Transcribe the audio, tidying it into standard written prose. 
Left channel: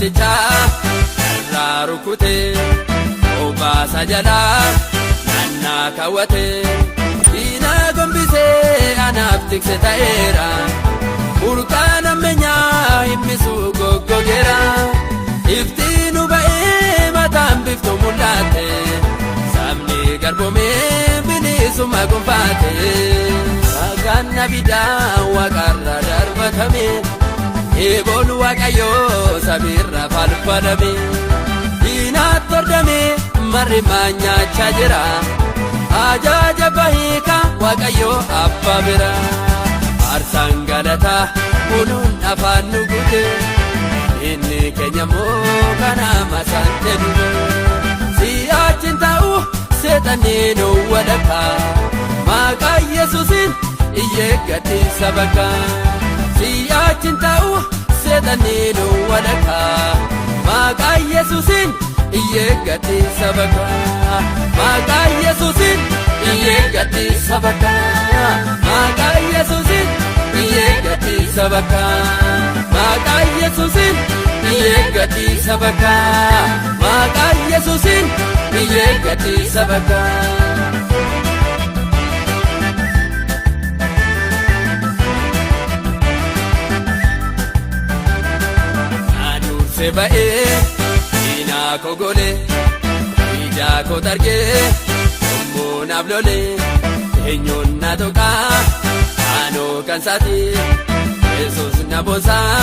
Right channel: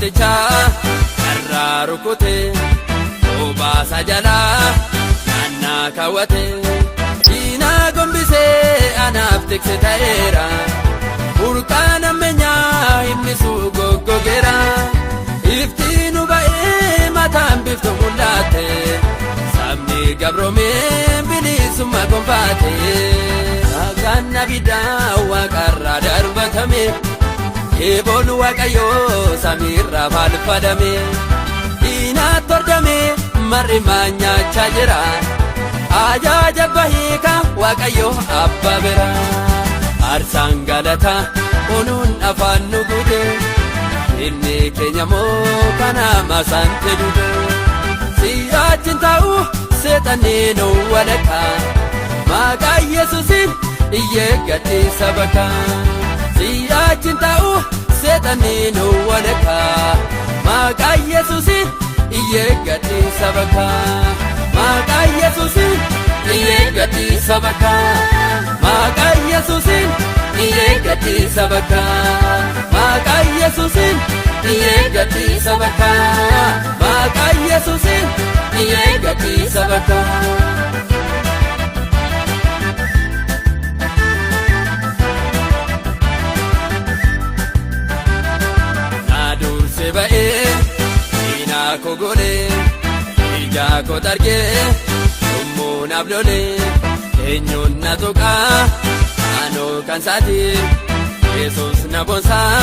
mootichaa irraa rukutee obaasa jalaa naannaa kaawwatee diinaa gumbisee anaaf tikse ta'eera burqaan ammeenyaa inni suugogogeera iftiin ba'ee mataan biftu mul'ate sabni garroomee miidhisuma gofaate waaqaan nabidaa waaqarraa darbatame eeboon waaqayyoo samiirraa faarfadame diinaa tolfame marri maanyaachaa jira ajaaja bahiika waaqayyoo abbabeera aarsaan galataa buluun afaan nu guute inni keenya moo kana masaan jedhu si'aatiin ta'u seexannii dhowwu walakkaa maqaa Yesuusiin iyyeeggatee sabakaa si'aatiin ta'u seexannii dhowwu walakkaa maqaa Yesuusiin iyyeeggatee sabakaa maqaa Yesuusiin iyyeeggatee sabakaa maqaa Yesuusiin iyyeeggatee sabakaa maqaa Yesuusiin iyyeeggatee sabakaa maqaa Yesuusiin iyyeeggatee sabakaa. Aduunsi ba'ee diinaa gogolee ijaa koo targee lubbuunaaf lolee eenyuun na tuqaa anuu kan saati Yesuus na boonsaa